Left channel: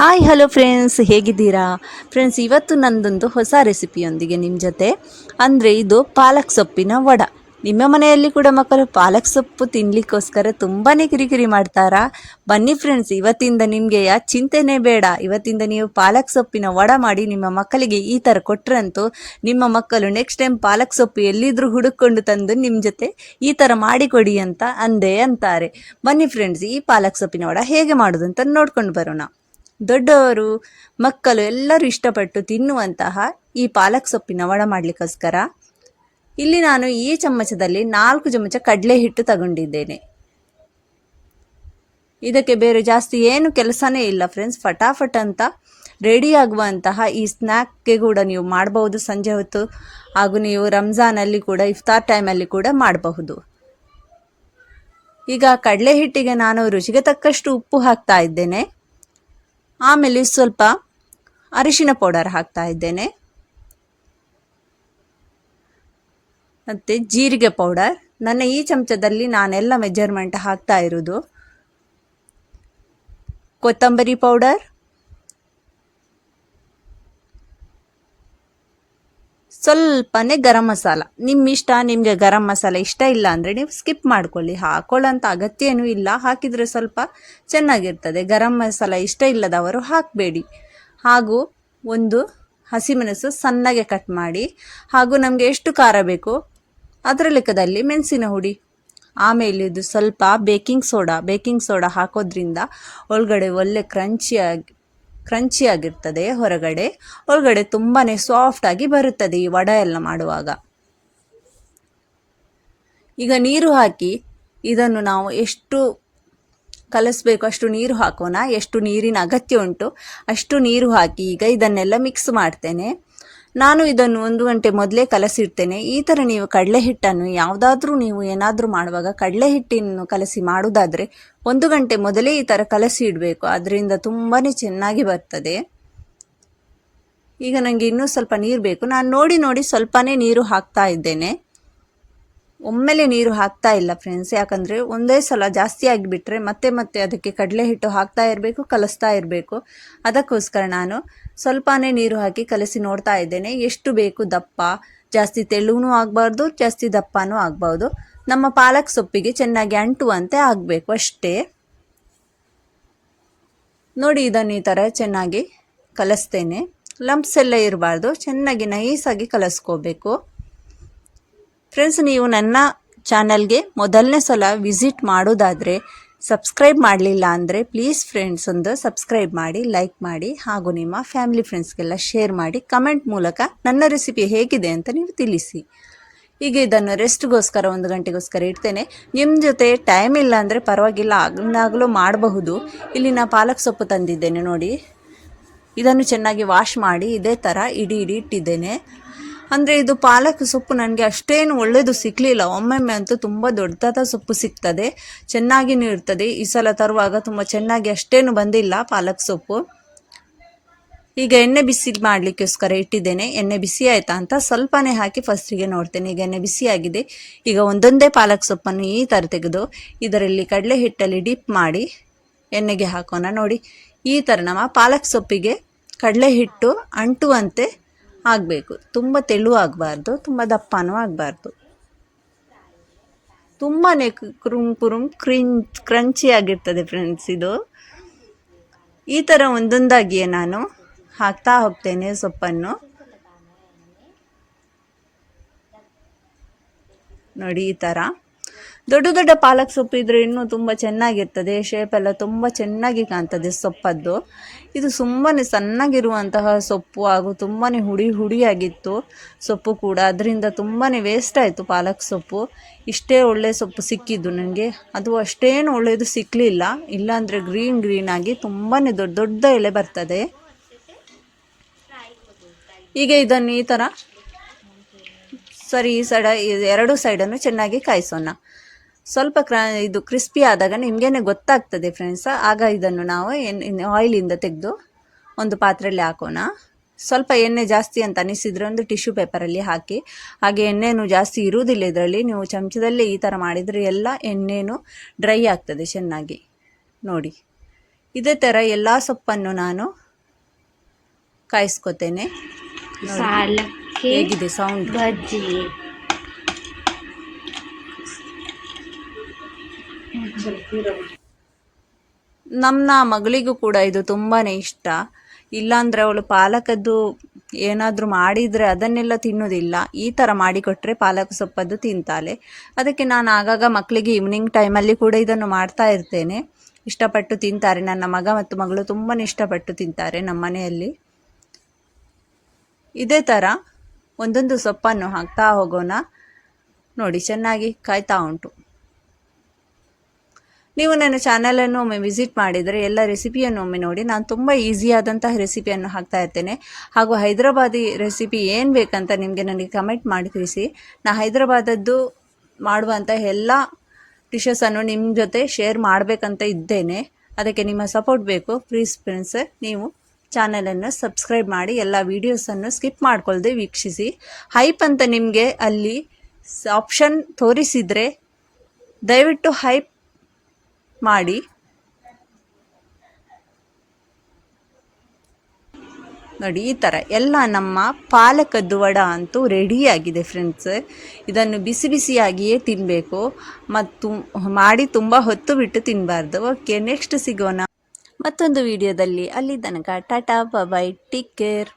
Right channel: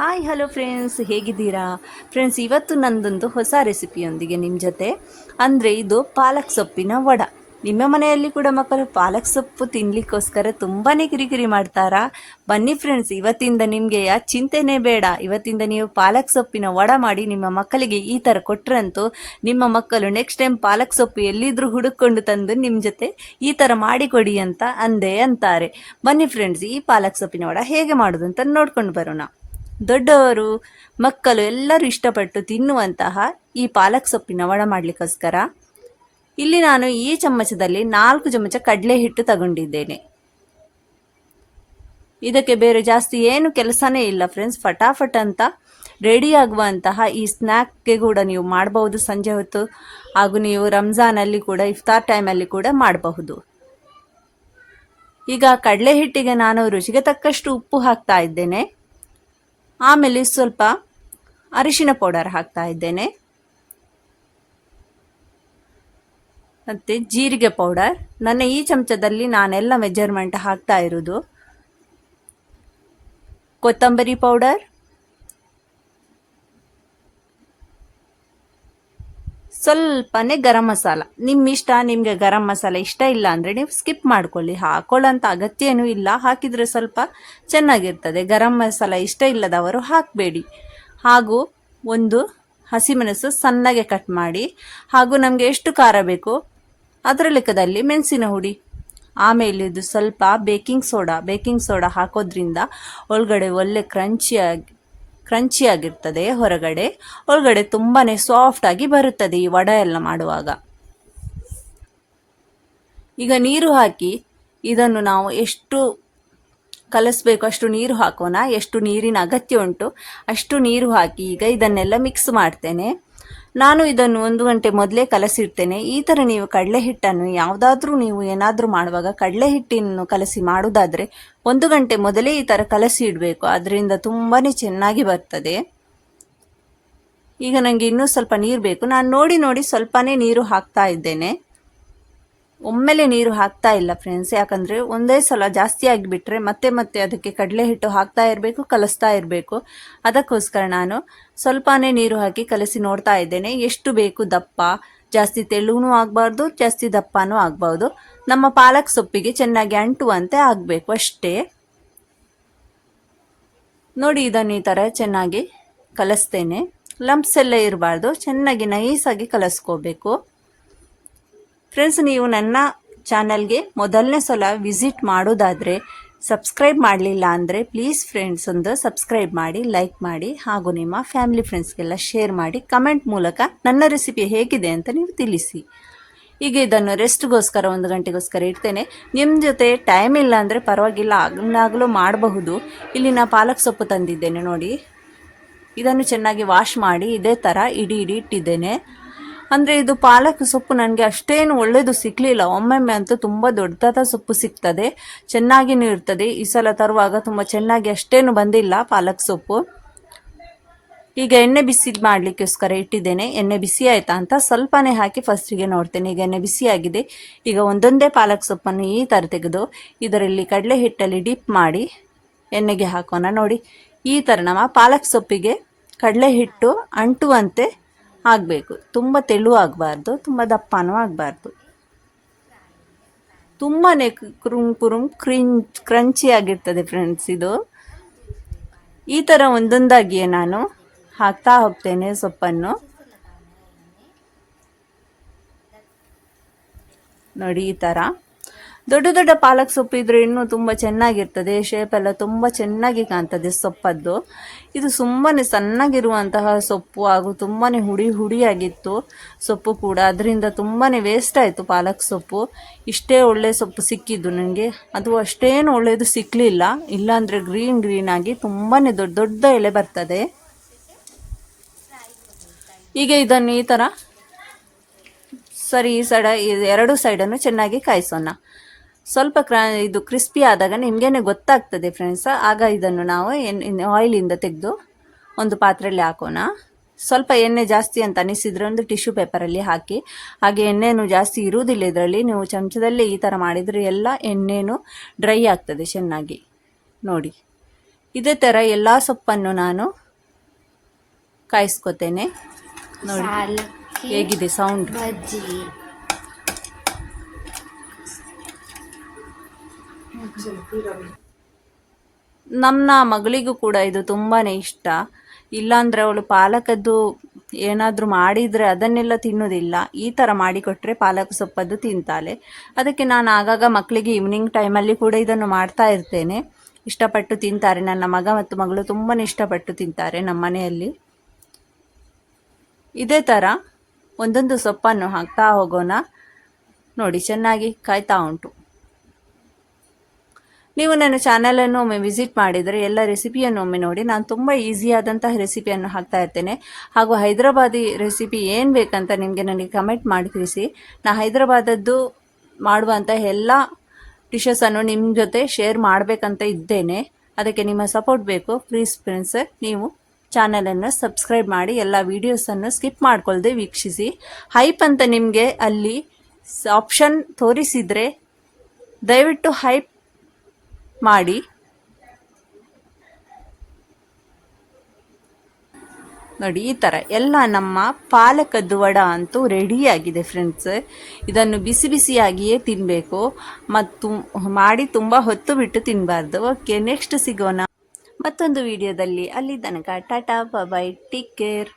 Hi hello friends, ಹೇಗಿದ್ದೀರಾ friends? ಇವತ್ತು ನಂದೊಂದು ಹೊಸ ರೆಸಿಪಿಯೊಂದಿಗೆ ನಿಮ್ಮ ಜೊತೆ. ಅಂದರೆ ಇದು ಪಾಲಕ್ ಸೊಪ್ಪಿನ ವಡ. ನಿಮ್ಮ ಮನೆಯಲ್ಲಿ ಕೂಡ ಮಕ್ಕಳು ಪಾಲಕ್ ಸೊಪ್ಪು ತಿನ್ನಲಿಕ್ಕೋಸ್ಕರ ತುಂಬಾ ಕಿರಿಕಿರಿ ಮಾಡ್ತಾರಾ? ಬನ್ನಿ ಫ್ರೆಂಡ್ಸ್, ಇವತ್ತಿಂದ ನಿಮಗೆ ಚಿಂತೆನೇ ಬೇಡ. ಇವತ್ತಿಂದ ನೀವು ಪಾಲಕ್ ಸೊಪ್ಪಿನ ವಡ ಮಾಡಿ ನಿಮ್ಮ ಮಕ್ಕಳಿಗೆ ಈ ಥರ ಕೊಟ್ರಂತೂ ನಿಮ್ಮ ಮಕ್ಕಳು ನೆಕ್ಸ್ಟ್ ಟೈಮ್ ಪಾಲಕ್ ಸೊಪ್ಪು ಎಲ್ಲಿದ್ರೂ ಹುಡುಕೊಂಡು ತಂದು ನಿಮ್ಮ ಜೊತೆ ಈ ಥರ ಮಾಡಿಕೊಡಿ ಅಂತ ಅಂತಾರೆ. ಬನ್ನಿ ಫ್ರೆಂಡ್ಸ್, ಈ ಪಾಲಕ್ ಸೊಪ್ಪಿನ ವಡ ಹೇಗೆ ಮಾಡೋದು ಅಂತ ನೋಡ್ಕೊಂಡು ಬರೋಣ. ದೊಡ್ಡವರು ಮಕ್ಕಳು ಎಲ್ಲರೂ ಇಷ್ಟಪಟ್ಟು ತಿನ್ನುವಂತಹ ಈ ಪಾಲಕ್ ಸೊಪ್ಪಿನ ವಡ ಮಾಡಲಿಕ್ಕೋಸ್ಕರ ಇಲ್ಲಿ ನಾನು ಈ ಚಮಚದಲ್ಲಿ 4 ಚಮಚ ಕಡಲೆ ಹಿಟ್ಟು ತಗೊಂಡಿದ್ದೇನೆ. ಇದಕ್ಕೆ ಬೇರೆ ಜಾಸ್ತಿ ಏನು ಕೆಲಸನೇ ಇಲ್ಲ ಫ್ರೆಂಡ್ಸ್. ಫಟಾಫಟ್ ಅಂತ ರೆಡಿ ಆಗುವಂತಹ ಈ ಸ್ನ್ಯಾಕ್ಗೆ ಕೂಡ ನೀವು ಮಾಡಬಹುದು. ಸಂಜೆ ಹೊತ್ತು ಹಾಗೂ ನೀವು ರಂಜಾನಲ್ಲಿ ಕೂಡ ಇಫ್ತಾರ್ ಟೈಮಲ್ಲಿ ಕೂಡ ಮಾಡಬಹುದು. ಈಗ ಕಡಲೆ ಹಿಟ್ಟಿಗೆ ನಾನು ರುಚಿಗೆ ತಕ್ಕಷ್ಟು ಉಪ್ಪು ಹಾಕ್ತಾ ಇದ್ದೇನೆ. ಆಮೇಲೆ ಸ್ವಲ್ಪ ಅರಿಶಿನ ಪೌಡರ್ ಹಾಕ್ತಾ ಇದ್ದೇನೆ, ಮತ್ತು ಜೀರಿಗೆ ಪೌಡರ್. ನನ್ನ ಈ ಚಮಚದಲ್ಲಿ ನಾನೆಲ್ಲ ಮೆಜರ್ಮೆಂಟ್ ಹಾಕ್ತಾ ಇರೋದು. ಕೊತ್ತಂಬರಿ ಪೌಡರ್, ಸ್ವಲ್ಪನೇ ಗರಂ ಮಸಾಲ. ನಿಮ್ಮ ಇಷ್ಟ. ನಿಮಗೆ ಗರಂ ಮಸಾಲೆ ಇಷ್ಟ ಇಲ್ಲ ಅಂದರೆ ನೀವು ಸ್ಕಿಪ್ ಮಾಡ್ಕೊಳ್ಳಿ, ಹಾಕೊಳ್ಳೋಂಥ ಅಗತ್ಯ ಏನೂ ಇಲ್ಲ. ಹಾಕಿದರೆ ಸ್ವಲ್ಪ ಚೆನ್ನಾಗಿರ್ತದೆ. ಗರಂ ಮಸಾಲ ಇಷ್ಟ ಇಲ್ಲದವರು ಹಾಕಬೇಡಿ. ಹಾಗೂ ಒಂದು ಹಸಿಮೆಣಸು ಸಣ್ಣಗೆ ಕಟ್ ಮಾಡಿ, ಹಾಗೂ ನಮಗೆ ಎಷ್ಟು ಖಾರ ಬೇಕೋ ಅದರ ಲೆಕ್ಕದಲ್ಲಿ ಮೆಣಸಿನ ಹುಡಿ. ಆಮೇಲೆ ಇದು ಸ್ವಲ್ಪ ಬೇಕಿಂಗ್ ಸೋಡಾ ಹಾಕೋದ್ರಿಂದ ಒಳಗಡೆ ಒಳ್ಳೆ ಕ್ರಂಚಿ ಆಗಿರ್ತದೆ. ಒಳಗಡೆ ತುಂಬಾ ಸಾಫ್ಟ್ ಆಗಿ ಬರುತ್ತದೆ ಈ ವಡೆ ಎಲ್ಲ ಮಾಡುವಾಗ. ಈಗ ನೀರು ಹಾಕಿ ಇದನ್ನು ನಾವು ಎಷ್ಟು ಕಲಿಸ್ಬೇಕು ಅಷ್ಟು ನೀರು ಹಾಕೋಣ. ಎಷ್ಟು ನೀರಿನ ಅಗತ್ಯ ಉಂಟು ಅಷ್ಟು ನೀರು ಹಾಕಿ ಈಗ ಇದನ್ನೆಲ್ಲ ಮಿಕ್ಸ್ ಮಾಡ್ತೇನೆ. ನಾನು ಇದನ್ನು 1 ಗಂಟೆ ಮೊದಲೇ ಕಲಸಿಡ್ತೇನೆ. ಈ ಥರ ನೀವು ಕಡಲೆ ಹಿಟ್ಟನ್ನು ಯಾವುದಾದ್ರೂ ನೀವು ಏನಾದರೂ ಮಾಡುವಾಗ ಕಡಲೆ ಹಿಟ್ಟನ್ನು ಕಲಸಿ ಮಾಡೋದಾದರೆ 1 ಗಂಟೆ ಮೊದಲೇ ಈ ಥರ ಕಲಸಿ ಇಡಬೇಕು. ಅದರಿಂದ ತುಂಬಾ ಚೆನ್ನಾಗಿ ಬರ್ತದೆ. ಈಗ ನನಗೆ ಇನ್ನೂ ಸ್ವಲ್ಪ ನೀರು ಬೇಕು. ನಾನು ನೋಡಿ ಸ್ವಲ್ಪನೇ ನೀರು ಹಾಕ್ತಾ ಇದ್ದೇನೆ. ಒಮ್ಮೆಲೆ ನೀರು ಹಾಕ್ತಾ ಇಲ್ಲ ಫ್ರೆಂಡ್ಸ್, ಯಾಕಂದರೆ ಒಂದೇ ಸಲ ಜಾಸ್ತಿ ಆಗಿಬಿಟ್ರೆ ಮತ್ತೆ ಅದಕ್ಕೆ ಕಡಲೆ ಹಿಟ್ಟು ಹಾಕ್ತಾ ಇರಬೇಕು, ಕಲಿಸ್ತಾ ಇರಬೇಕು. ಅದಕ್ಕೋಸ್ಕರ ನಾನು ಸ್ವಲ್ಪನೇ ನೀರು ಹಾಕಿ ಕಲಸಿ ನೋಡ್ತಾ ಇದ್ದೇನೆ. ಎಷ್ಟು ಬೇಕು ದಪ್ಪ, ಜಾಸ್ತಿ ತೆಳುವೂ ಆಗಬಾರ್ದು, ಜಾಸ್ತಿ ದಪ್ಪನೂ ಆಗಬಾರ್ದು. ನಮ್ಮ ಪಾಲಕ್ ಸೊಪ್ಪಿಗೆ ಚೆನ್ನಾಗಿ ಅಂಟುವಂತೆ ಆಗಬೇಕು ಅಷ್ಟೇ. ನೋಡಿ, ಇದನ್ನು ಈ ಥರ ಚೆನ್ನಾಗಿ ಕಲಿಸ್ತೇನೆ. ಲಂಪ್ಸ್ ಎಲ್ಲ ಇರಬಾರ್ದು, ಚೆನ್ನಾಗಿ ನೈಸಾಗಿ ಕಲಿಸ್ಕೋಬೇಕು. ಫ್ರೆಂಡ್ಸ್, ನೀವು ನನ್ನ ಚಾನಲ್ಗೆ ಮೊದಲನೇ ಸಲ ವಿಸಿಟ್ ಮಾಡೋದಾದರೆ ಸಬ್ಸ್ಕ್ರೈಬ್ ಮಾಡಲಿಲ್ಲ ಅಂದರೆ ಪ್ಲೀಸ್ ಫ್ರೆಂಡ್ಸ್ ಒಂದು ಸಬ್ಸ್ಕ್ರೈಬ್ ಮಾಡಿ, ಲೈಕ್ ಮಾಡಿ, ಹಾಗೂ ನಿಮ್ಮ ಫ್ಯಾಮಿಲಿ ಫ್ರೆಂಡ್ಸ್ಗೆಲ್ಲ ಶೇರ್ ಮಾಡಿ. ಕಮೆಂಟ್ ಮೂಲಕ ನನ್ನ ರೆಸಿಪಿ ಹೇಗಿದೆ ಅಂತ ನೀವು ತಿಳಿಸಿ. ಈಗ ಇದನ್ನು ರೆಸ್ಟ್ಗೋಸ್ಕರ 1 ಗಂಟೆಗೋಸ್ಕರ ಇಡ್ತೇನೆ. ನಿಮ್ಮ ಜೊತೆ ಟೈಮ್ ಇಲ್ಲ ಅಂದರೆ ಪರವಾಗಿಲ್ಲ, ಆಗಲೂ ಮಾಡಬಹುದು. ಇಲ್ಲಿ ನಾನು ಪಾಲಕ್ ಸೊಪ್ಪು ತಂದಿದ್ದೇನೆ ನೋಡಿ. ಇದನ್ನು ಚೆನ್ನಾಗಿ ವಾಶ್ ಮಾಡಿ ಇದೇ ಥರ ಇಡೀ ಇಟ್ಟಿದ್ದೇನೆ. ಅಂದರೆ ಇದು ಪಾಲಕ್ ಸೊಪ್ಪು ನನಗೆ ಅಷ್ಟೇನು ಒಳ್ಳೆಯದು ಸಿಕ್ಕಲಿಲ್ಲ. ಒಮ್ಮೊಮ್ಮೆ ಅಂತೂ ತುಂಬ ದೊಡ್ಡದಾದ ಸೊಪ್ಪು ಸಿಗ್ತದೆ, ಚೆನ್ನಾಗಿಯೂ ಇರ್ತದೆ. ಈ ಸಲ ತರುವಾಗ ತುಂಬ ಚೆನ್ನಾಗಿ ಅಷ್ಟೇನು ಬಂದಿಲ್ಲ ಪಾಲಕ್ ಸೊಪ್ಪು. ಈಗ ಎಣ್ಣೆ ಬಿಸಿ ಮಾಡಲಿಕ್ಕೋಸ್ಕರ ಇಟ್ಟಿದ್ದೇನೆ. ಎಣ್ಣೆ ಬಿಸಿ ಆಯಿತಾ ಅಂತ ಸ್ವಲ್ಪನೇ ಹಾಕಿ ಫಸ್ಟಿಗೆ ನೋಡ್ತೇನೆ. ಈಗ ಎಣ್ಣೆ ಬಿಸಿ ಆಗಿದೆ. ಈಗ ಒಂದೊಂದೇ ಪಾಲಕ್ ಸೊಪ್ಪನ್ನು ಈ ಥರ ತೆಗೆದು ಇದರಲ್ಲಿ ಕಡಲೆ ಹಿಟ್ಟಲ್ಲಿ ಡಿಪ್ ಮಾಡಿ ಎಣ್ಣೆಗೆ ಹಾಕೋಣ. ನೋಡಿ, ಈ ಥರ ನಮ್ಮ ಪಾಲಕ್ ಸೊಪ್ಪಿಗೆ ಕಡಲೆ ಹಿಟ್ಟು ಅಂಟುವಂತೆ ಆಗಬೇಕು. ತುಂಬ ತೆಳು ಆಗಬಾರ್ದು, ತುಂಬ ದಪ್ಪನೂ ಆಗಬಾರ್ದು. ತುಂಬಾ ಕುರುಮ್ ಕ್ರಂಚಿ ಆಗಿರ್ತದೆ ಫ್ರೆಂಡ್ಸ್ ಇದು. ಈ ಥರ ಒಂದೊಂದಾಗಿಯೇ ನಾನು ಹಾಕ್ತಾ ಹೋಗ್ತೇನೆ ಸೊಪ್ಪನ್ನು. ನೋಡಿ, ಈ ಥರ ದೊಡ್ಡ ಪಾಲಕ್ ಸೊಪ್ಪು ಇದ್ರೆ ಇನ್ನೂ ತುಂಬ ಚೆನ್ನಾಗಿರ್ತದೆ. ಶೇಪೆಲ್ಲ ತುಂಬ ಚೆನ್ನಾಗಿ ಕಾಣ್ತದೆ ಸೊಪ್ಪದ್ದು. ಇದು ಸುಮ್ಮನೆ ಸಣ್ಣಗಿರುವಂತಹ ಸೊಪ್ಪು, ಹಾಗೂ ತುಂಬಾ ಹುಡಿಯಾಗಿತ್ತು ಸೊಪ್ಪು ಕೂಡ. ಅದರಿಂದ ತುಂಬಾ ವೇಸ್ಟ್ ಆಯಿತು ಪಾಲಕ್ ಸೊಪ್ಪು. ಇಷ್ಟೇ ಒಳ್ಳೆ ಸೊಪ್ಪು ಸಿಕ್ಕಿದ್ದು ನನಗೆ, ಅದು ಅಷ್ಟೇನು ಒಳ್ಳೆಯದು ಸಿಕ್ಕಲಿಲ್ಲ. ಇಲ್ಲಾಂದರೆ ಗ್ರೀನ್ ಆಗಿ ತುಂಬಾ ದೊಡ್ಡ ಎಲೆ ಬರ್ತದೆ. ಈಗ ಇದನ್ನು ಈ ಥರ ಸರಿ ಈ ಸೈಡ 2 ಸೈಡನ್ನು ಚೆನ್ನಾಗಿ ಕಾಯಿಸೋಣ. ಸ್ವಲ್ಪ ಇದು ಕ್ರಿಸ್ಪಿ ಆದಾಗ ನಿಮಗೇನೆ ಗೊತ್ತಾಗ್ತದೆ ಫ್ರೆಂಡ್ಸ್. ಆಗ ಇದನ್ನು ನಾವು ಆಯಿಲಿಂದ ತೆಗೆದು ಒಂದು ಪಾತ್ರೆಯಲ್ಲಿ ಹಾಕೋಣ. ಸ್ವಲ್ಪ ಎಣ್ಣೆ ಜಾಸ್ತಿ ಅಂತ ಅನಿಸಿದರೆ ಒಂದು ಟಿಶ್ಯೂ ಪೇಪರಲ್ಲಿ ಹಾಕಿ. ಹಾಗೆ ಎಣ್ಣೆನೂ ಜಾಸ್ತಿ ಇರುವುದಿಲ್ಲ ಇದರಲ್ಲಿ. ನೀವು ಚಮಚದಲ್ಲೇ ಈ ಥರ ಮಾಡಿದರೆ ಎಲ್ಲ ಎಣ್ಣೆನೂ ಡ್ರೈ ಆಗ್ತದೆ ಚೆನ್ನಾಗಿ. ನೋಡಿ, ಇದೇ ಥರ ಎಲ್ಲ ಸೊಪ್ಪನ್ನು ನಾನು ಕಾಯಿಸ್ಕೊತೇನೆ. ಹೇಗಿದೆ ಸೌಂಡ್? ಬಜ್ಜಿ ನಮ್ಮ ಮಗಳಿಗೂ ಕೂಡ ಇದು ತುಂಬಾ ಇಷ್ಟ. ಇಲ್ಲಾಂದರೆ ಅವಳು ಪಾಲಕದ್ದು ಏನಾದರೂ ಮಾಡಿದರೆ ಅದನ್ನೆಲ್ಲ ತಿನ್ನೋದಿಲ್ಲ. ಈ ಥರ ಮಾಡಿಕೊಟ್ರೆ ಪಾಲಕ್ ಸೊಪ್ಪದ್ದು ತಿಂತಾಳೆ. ಅದಕ್ಕೆ ನಾನು ಆಗಾಗ ಮಕ್ಕಳಿಗೆ ಈವ್ನಿಂಗ್ ಟೈಮಲ್ಲಿ ಕೂಡ ಇದನ್ನು ಮಾಡ್ತಾ ಇರ್ತೇನೆ. ಇಷ್ಟಪಟ್ಟು ತಿಂತಾರೆ. ನನ್ನ ಮಗ ಮತ್ತು ಮಗಳು ತುಂಬಾ ಇಷ್ಟಪಟ್ಟು ತಿಂತಾರೆ ನಮ್ಮ ಮನೆಯಲ್ಲಿ. ಇದೇ ಥರ ಒಂದೊಂದು ಸೊಪ್ಪನ್ನು ಹಾಕ್ತಾ ಹೋಗೋಣ. ನೋಡಿ, ಚೆನ್ನಾಗಿ ಕಾಯ್ತಾ ಉಂಟು. ನೀವು ನನ್ನ ಚಾನಲನ್ನು ಒಮ್ಮೆ ವಿಸಿಟ್ ಮಾಡಿದರೆ ಎಲ್ಲ ರೆಸಿಪಿಯನ್ನು ಒಮ್ಮೆ ನೋಡಿ. ನಾನು ತುಂಬ ಈಸಿಯಾದಂತಹ ರೆಸಿಪಿಯನ್ನು ಹಾಕ್ತಾ ಇರ್ತೇನೆ. ಹಾಗೂ ಹೈದರಾಬಾದಿ ರೆಸಿಪಿ ಏನು ಬೇಕಂತ ನಿಮಗೆ ನನಗೆ ಕಮೆಂಟ್ ಮಾಡಿ ತಿಳಿಸಿ. ನಾನು ಹೈದರಾಬಾದದ್ದು ಮಾಡುವಂಥ ಎಲ್ಲ ಡಿಶಸನ್ನು ನಿಮ್ಮ ಜೊತೆ ಶೇರ್ ಮಾಡಬೇಕಂತ ಇದ್ದೇನೆ. ಅದಕ್ಕೆ ನಿಮ್ಮ ಸಪೋರ್ಟ್ ಬೇಕು. ಪ್ಲೀಸ್ ಫ್ರೆಂಡ್ಸ್, ನೀವು ಚಾನಲನ್ನು ಸಬ್ಸ್ಕ್ರೈಬ್ ಮಾಡಿ ಎಲ್ಲ ವೀಡಿಯೋಸನ್ನು ಸ್ಕಿಪ್ ಮಾಡ್ಕೊಳ್ದೆ ವೀಕ್ಷಿಸಿ. ಹೈಪ್ ಅಂತ ನಿಮಗೆ ಅಲ್ಲಿ ಆಪ್ಷನ್ ತೋರಿಸಿದರೆ ದಯವಿಟ್ಟು ಹೈಪ್ ಮಾಡಿ. ನೋಡಿ, ಈ ಥರ ಎಲ್ಲ ನಮ್ಮ ಪಾಲಕದ್ದು ವಡ ಅಂತೂ ರೆಡಿಯಾಗಿದೆ ಫ್ರೆಂಡ್ಸ್. ಇದನ್ನು ಬಿಸಿ ಬಿಸಿಯಾಗಿಯೇ ತಿನ್ನಬೇಕು ಮತ್ತು ಮಾಡಿ ತುಂಬ ಹೊತ್ತು ಬಿಟ್ಟು ತಿನ್ನಬಾರ್ದು. ಓಕೆ, ನೆಕ್ಸ್ಟ್ ಸಿಗೋಣ ಮತ್ತೊಂದು ವಿಡಿಯೋದಲ್ಲಿ. ಅಲ್ಲಿ ತನಕ ಟಾಟಾ, ಬೈ, ಟೇಕ್ ಕೇರ್.